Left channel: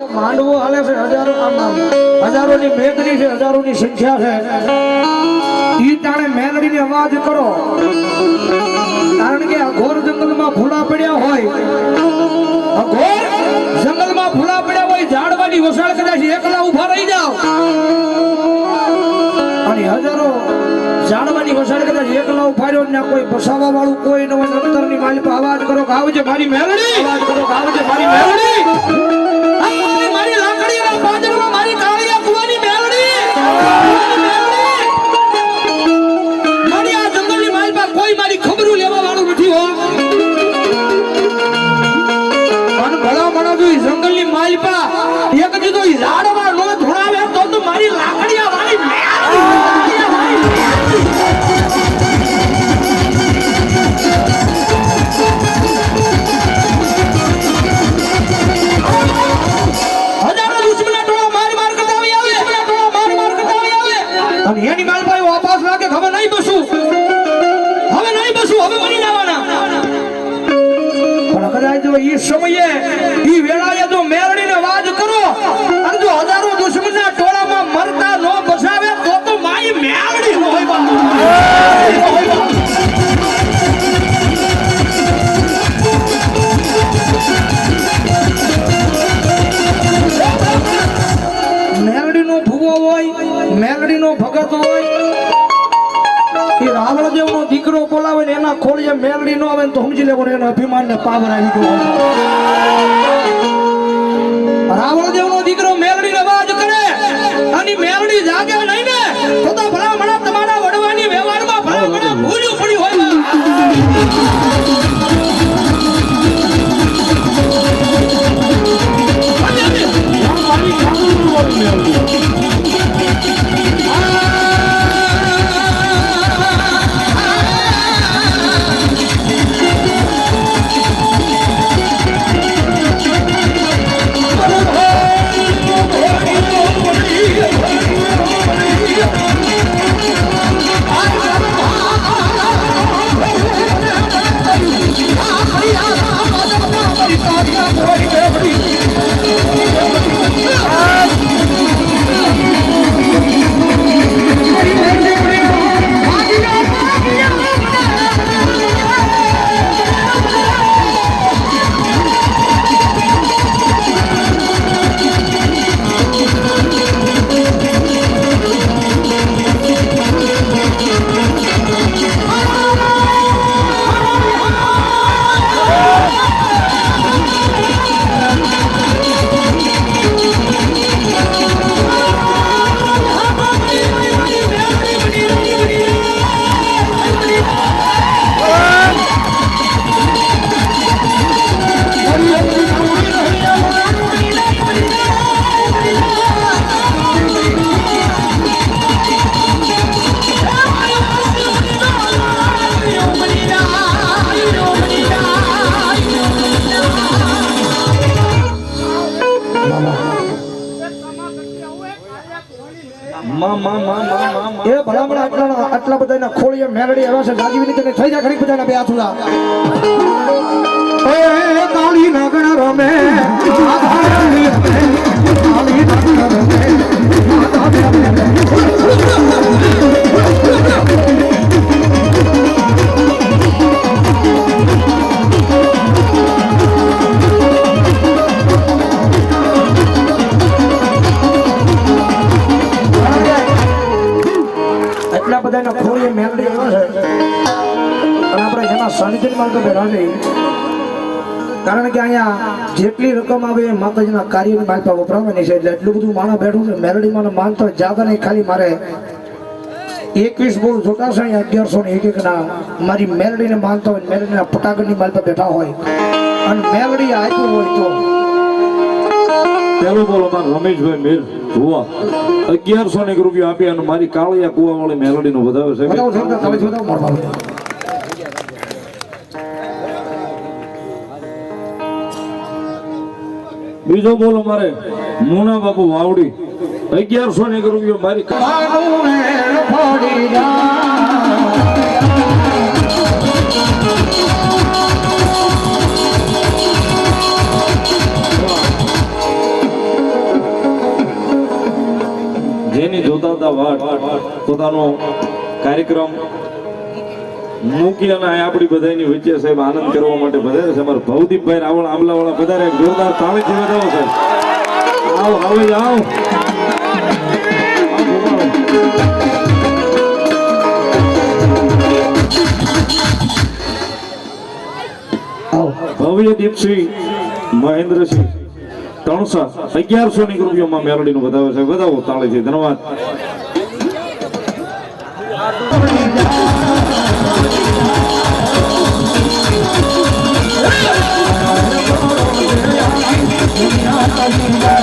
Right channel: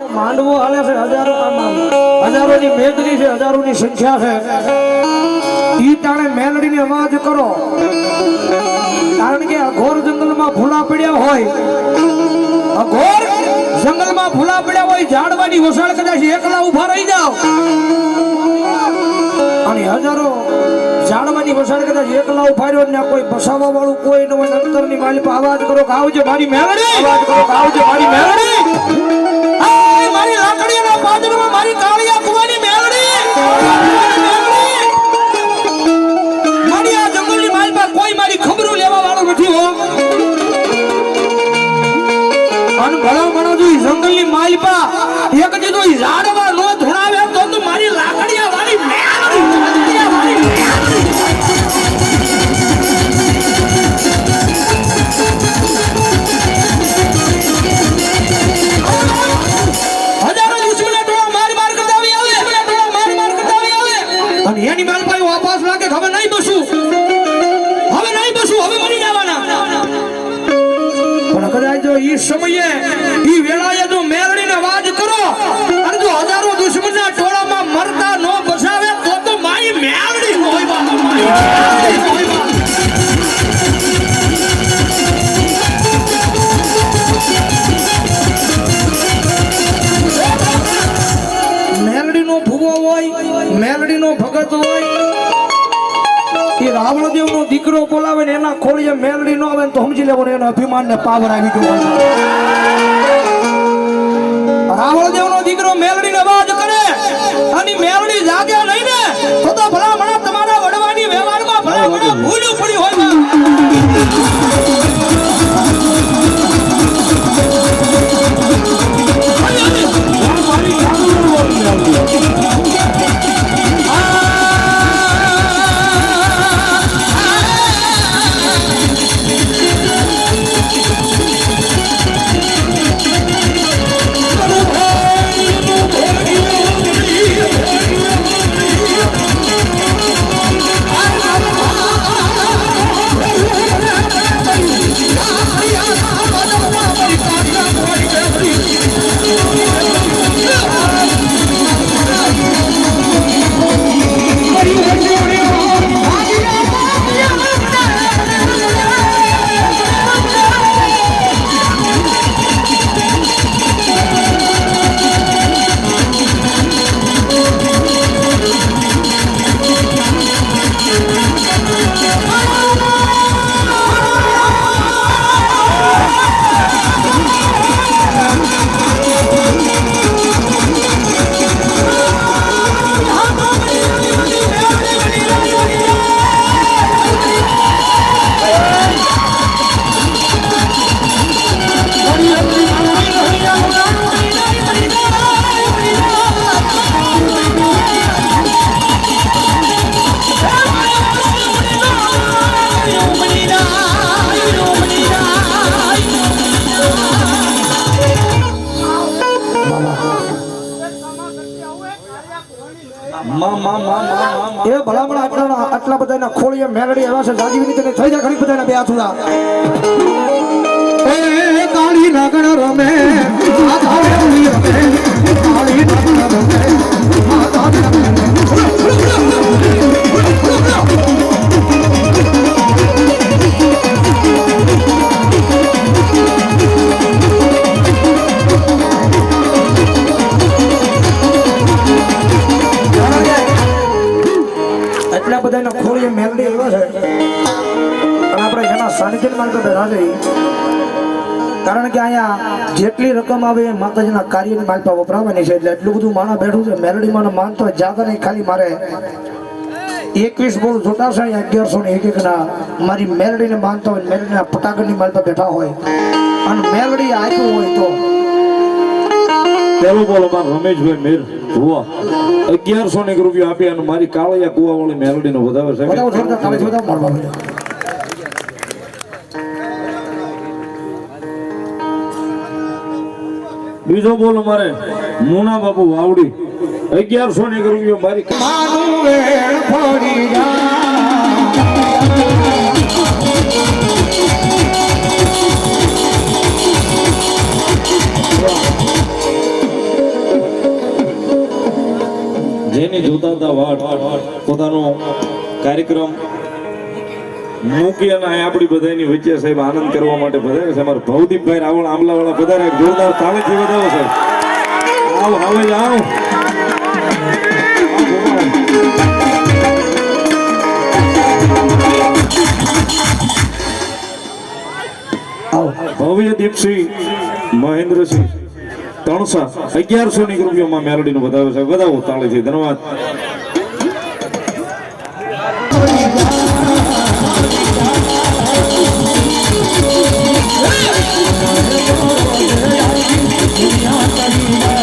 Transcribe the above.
માંડવો હાલે છે હજારોની મેદની છે, હજારોની સંખ્યા છે. ઈ તાણે મેલડીની અવાજ કરો, કારણ કે અઘોર જંગલમાં ભૂલા પડ્યા હોય, અઘોર જંગલમાં ભૂલા પડ્યા હોય, ઝાડવાની વસાળ કદાચ એકલા ઉભા રહી જાવ અને હજારો ઝાડવાની વસાળ કદાચ એકલા ઉભા રહ્યો ને કોઈ બસાવવા વાળું કોઈ ન હોય, અંતરની માલી પર અવાજ કરો કે આવજે મારી મેલડી, અવાજ કરો કે આવજે મારી મેલડી. સમયે ઈ વેળાએ જો મેલડીને અવાજ કરો અને જો હજારો દુશ્મનના ટોળામાં મરતા નો બસાવે તો મારી મેલડી નો હોય મેલડીનો ભૂવો હોય, મેલડીનો ભગત હોય. એ રાવણદેવ નો દીકરો બોલાવે ને એના ખોલીએ મેલડી નો આવે તો સમજી લેવાનું એનો અભિમાન ને પાવર આવી ગયો. રાવણદેવ નો દીકરો મેલડી નો અવાજ કરે અને મેલડી જાગે નહીં ને તો ભલામણા તમારા વડવાની વ્યવહારમાં ભલામણા ભૂલ્યું પડી હોય. આટલા બધા ખોળીએ મેલડી એવા છે જાજીવી તમે થઈ જાય ઘણી બધા બે હાથુલા એ કાળી નાગણ રમે મેલડી એવા છે પણ આપણે જેના સાનિધ્યમાં તો બેઠા છે, કારણ કે અહીંયા જેટલી રકમ આવે એ માતાજીના કાર્યની માલપા વપરાવાની છે, એટલે એટલું બધું માણસ બેઠું છે. મેલડીમાં માનતો જાતા નહીં, ખાલી મારે 21 બોલ જોતા છે 1101 ના મારી મેલડીને માનતા હોય, મેલડીના પટાગરની માલપા બેઠા હોય અને મેલડી આપ્યું હોય તો પેલો બોલ અમાર રમેશભાઈ મેર ભુવા 1100 રૂપિયા આપી અને મારી કાળિયા કુવા વાળી મેલોડી નો વધાવે છે. બીજો બોલ અમારે મોના બાપુ વાવડી 1100 રૂપિયા મારી જેની જોતા હતા વાટ પોતાનો કાર્યક્રમ મૂકી અને અહીં આપણી બધાની વચ્ચે સાહેબ આનંદ કરવા માટે વધારે છે અમારા ભવદીપભાઈ રાવળ આમલાવાળા વધારે જોરદાર તાળીથી વધાવો સાહેબ આવો આવો આવો ભવ્ય દીપસિંહ મહેન્દ્રસિંહ ત્રણસા 1100 ની રૂપિયામાં મેલડીનો વધાવ્યો છે વધાવો તાળીથી ધન્યવાદ દુનિયા